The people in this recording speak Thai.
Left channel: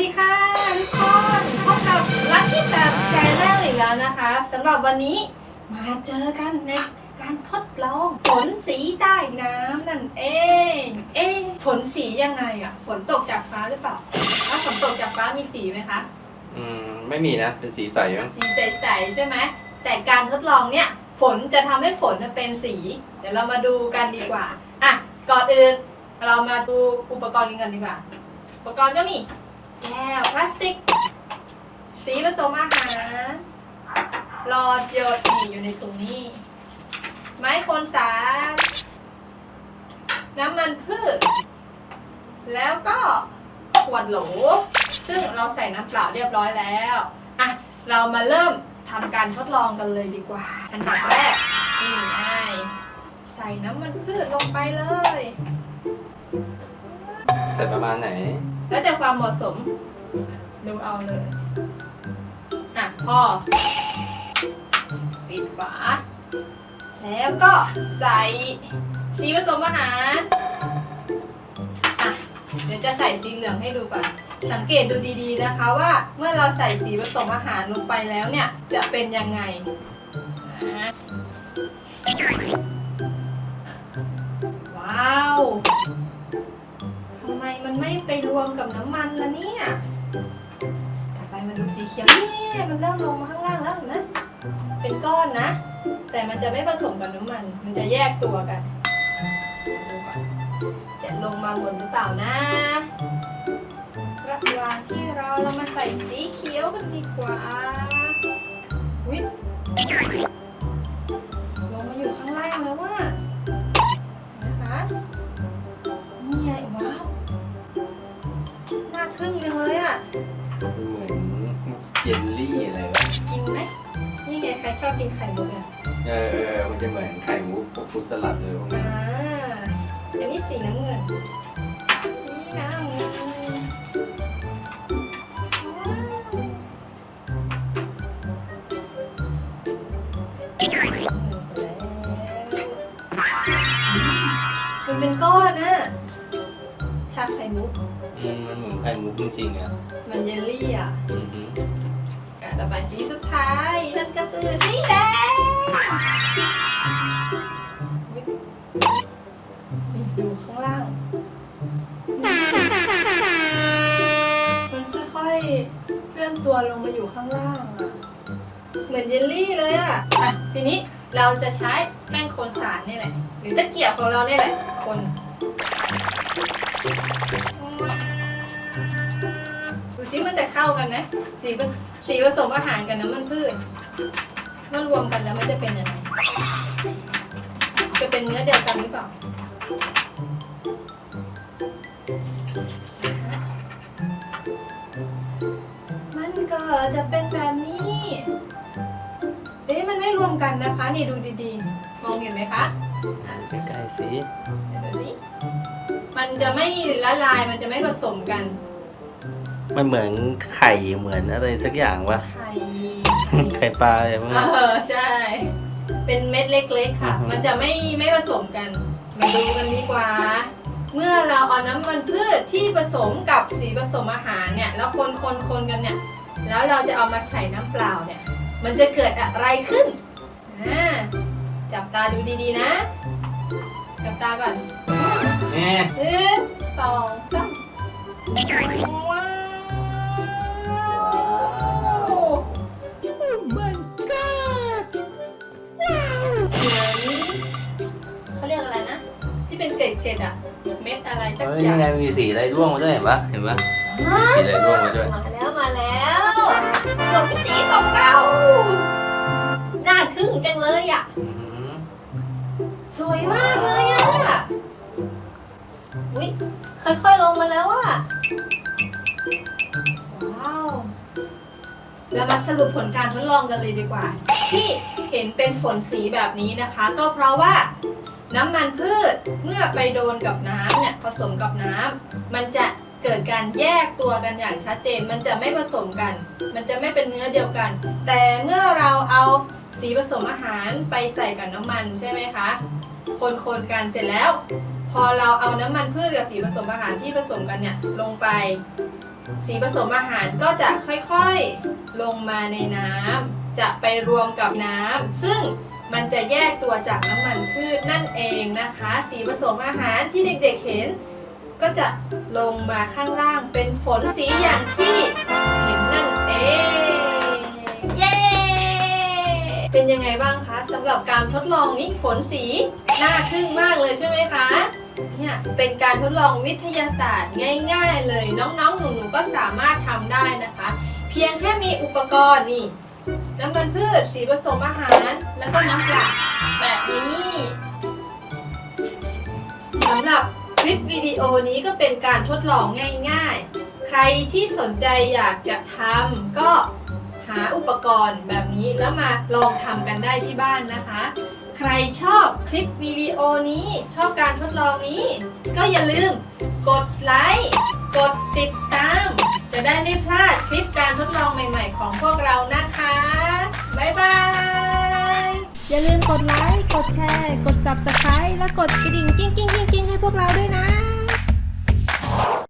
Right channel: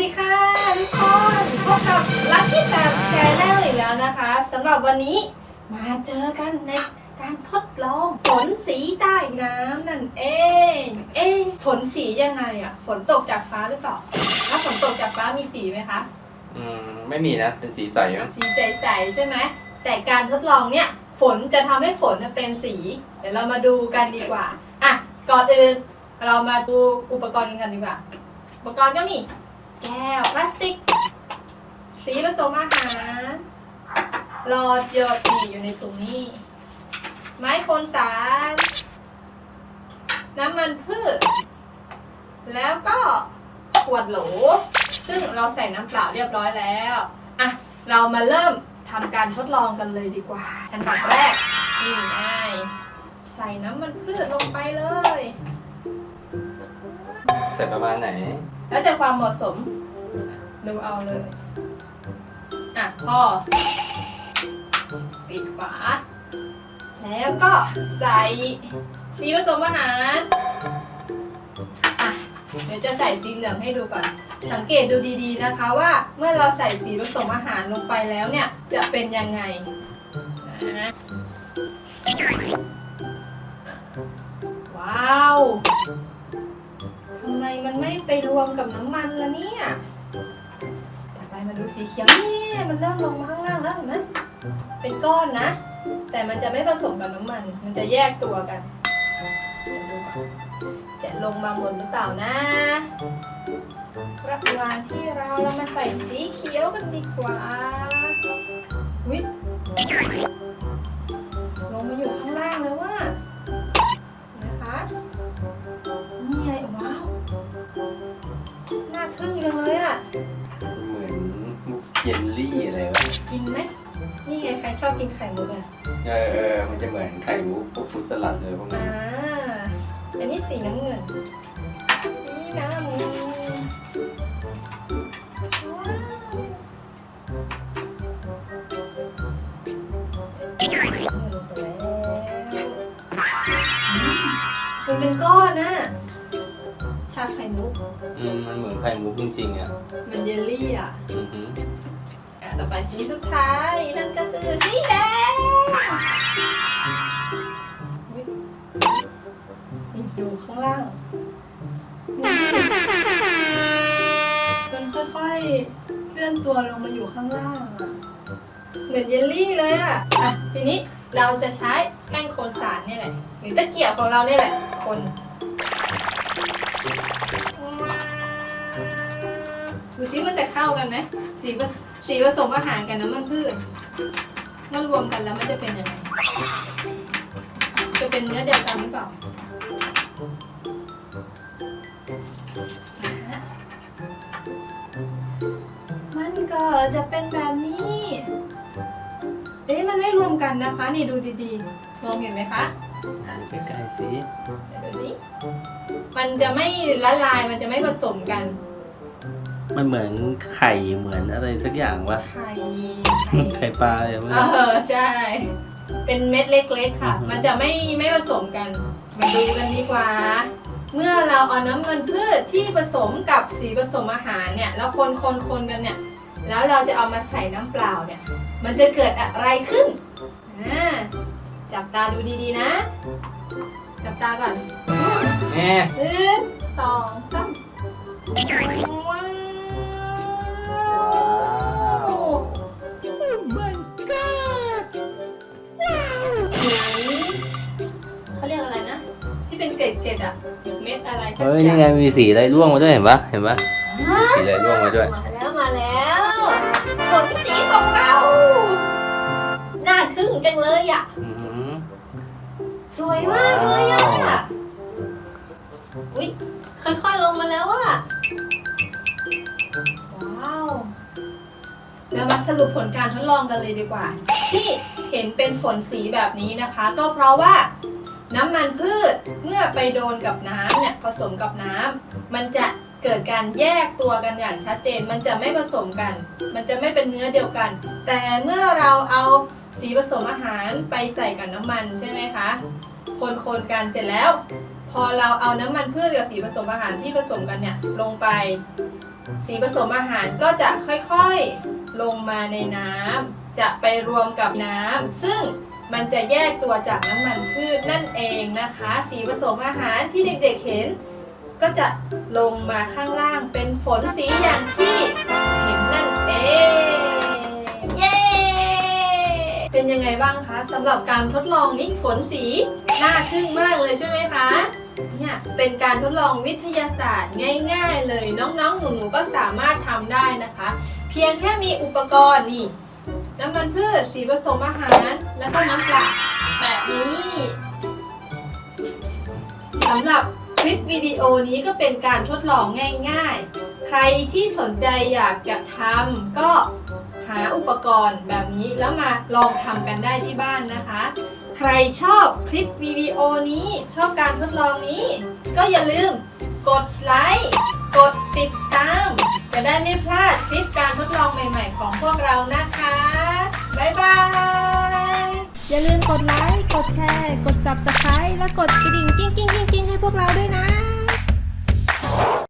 ดีค่ะทุกคนพบกับลักกี้แบบแชนแนลอีกแล้วนะคะสำหรับวันนี้มาเจอกันในการทดลองฝนสีใต้น้ำนั่นเอง เอ๊ะฝนสียังไงอะฝนตกจากฟ้าหรือเปล่าถ้าฝนตกจากฟ้ามีสีไหมคะ อืม ไม่มีนะ เป็นสีใสมั้งสีใสๆใช่ไหมแต่การทดลองเนี่ย ฝนจะทำให้ฝนเป็นสี เดี๋ยวเรามาดูกันดีกว่าอะก่อนอื่นเรามาดูอุปกรณ์กันก่อนดีกว่า อุปกรณ์ก็มี แก้วพลาสติก สีผสมอาหารหลอดหยดนี่อยู่ในถุงนี้ ไม้คนสาร น้ำมันพืช แล้วก็ขวดโหล ซึ่งเราใส่น้ำเปล่าเรียบร้อยแล้วอะเรามาเริ่มทำการทดลองกันเลยดีกว่า อันดับแรกนี่ไงใส่น้ำมันพืชลงไปเลย ใส่ประมาณไหน แล้วจะความเหมาะสม ดูเอาเลย อะพอปิดฝา แล้วก็ใส่สีผสมอาหารอะเดี๋ยวจะใส่สีเหลืองให้ดูก่อน สังเกตดูดีๆนะคะว่าเมื่อเราใส่สีผสมอาหารลงไปแล้วเนี่ย จะเป็นยังไงนะว้าว มมันไม่ไปรวมกับน้ำมันละเนี่ย ต่อไปมาดูสีเขียวนี่มันเริ่มลงมาข้างล่างแล้วเห็นไหมเป็นก้อนนะ แต่มันจะไม่ผสมกับน้ำมัน มันจะแยกตัวกันดูก่อนจะลงมาหมดหรือเปล่านะระหว่างที่เราเรามาใส่สีเขียวกันดีกว่าวิ นี่ไงใครชอบกินไข่มุกอะเออเออมันจะเหมือนไข่มุกพวกฟรุตสลัดเลยพวกอ่านี้อันนี้สีน้ำเงิน สีน้ำเงินมันเป็นก้อนนะชาไข่มุกอืมมันเหมือนไข่มุกจริงๆอะ มันเยลลี่อะ อือหืออะ ต่อไปสีสุดท้าย นั่นก็คือสีแดงอุ๊ยนี่ดูข้างล่างมันค่อยๆ เคลื่อนตัวลงมาอยู่ข้างล่างอะเหมือนเยลลี่เลยอะอะ ทีนี้เราจะใช้แป้งโคนสารนี่แหละ หรือตะเกียบของเราเนี่ยแหละ คนดูซิมันจะเข้ากันไหมสีผ สีผสมอาหารกับน้ำมันพืชเมื่อรวมกันแล้วมันจะเป็นยังไงจะเป็นเนื้อเดียวกันหรือเปล่าอ่าฮะมันก็จะเป็นแบบนี้เอ๊ะมันไม่รวมกันนะคะ นี่ดูดีๆมองเห็นไหมคะอะใกล้ๆสิเดี๋ยวดูสิมันจะไม่ละลายมันจะไม่ผสมกัน มันเหมือนไข่เหมือนอะไรสักอย่างวะไข่ไข่ปลาอะไรพวกเอนี้อใช่ เป็นเม็ดเล็กๆค่ะ อือฮึ มันจะไม่ไม่ผสมกัน มาดูกันดีกว่า เมื่อเราเอาน้ำมันพืชที่ผสมกับสีผสมอาหารเนี่ยแล้วคนคนคนกันเนี่ย แล้วเราจะเอามาใส่น้ำเปล่าเนี่ย มันจะเกิดอะไรขึ้นอ่าจับตาดูดีๆนะ จับตาก่อนแง่หนึ่งสองสาม เป็นเกล็ดๆอะเม็ดอะไรสักเฮ้ยอย่างไงมีสีอะไรร่วงมาด้วยเห็นปะเห็นปะมีสีอะไรร่วงมาด้วย มาแล้วมาแล้วฝนสีของเราน่าทึ่งจังเลยอะอือหือสวยมากเลยอะอุ้ยค่อยๆลงมาแล้วอะว้าวเรามาสรุปผลการทดลองกันเลยดีกว่า ที่เห็นเป็นฝนสีแบบนี้นะคะ ก็เพราะว่า น้ำมันพืชเมื่อไปโดนกับน้ำเนี่ยผสมกับน้ำมันจะเกิดการแยกตัวกันอย่างชัดเจน มันจะไม่ผสมกัน มันจะไม่เป็นเนื้อเดียวกัน แต่เมื่อเราเอาสีผสมอาหารไปใส่กับน้ำมันใช่ไหมคะ คนๆกันเสร็จแล้ว พอเราเอาน้ำมันพืชกับสีผสมอาหารที่ผสมกันเนี่ยลงไป สีผสมอาหารก็จะค่อยๆลงมาในน้ำจะไปรวมกับน้ำซึ่ง มันจะแยกตัวจากน้ำมันพืชนั่นเองนะคะ สีผสมอาหารที่เด็กๆเห็น ก็จะลงมาข้างล่างเป็นฝนสีอย่างที่เห็นนั่นเองเย้เป็นยังไงบ้างคะสำหรับการทดลองนี้ฝนสีน่าทึ่งมากเลยใช่ไหมคะเนี่ยเป็นการทดลองวิทยาศาสตร์ง่าย ๆ เลยน้องๆหนูๆก็สามารถทำได้นะคะ เพียงแค่มีอุปกรณ์นี่ น้ำมันพืช สีผสมอาหาร แล้วก็น้ำเปล่าแบบนี้สำหรับคลิปวิดีโอนี้ก็เป็นการทดลองง่ายๆ ใครที่สนใจอยากจะทำก็หาอุปกรณ์แบบนี้แล้วมาลองทำกันได้ที่บ้านนะคะ ใครชอบคลิปวิดีโอนี้ชอบการทดลองนี้ ก็อย่าลืมกดไลค์กดติดตาม จะได้ไม่พลาดคลิปการทดลองใหม่ ๆ ของพวกเรานะคะ บ๊ายบาย อย่าลืมกดไลค์ กดแชร์ กด Subscribe และกดกระดิ่งกิ้งกิ้งกิ้งกิ้งให้พวกเราด้วยนะ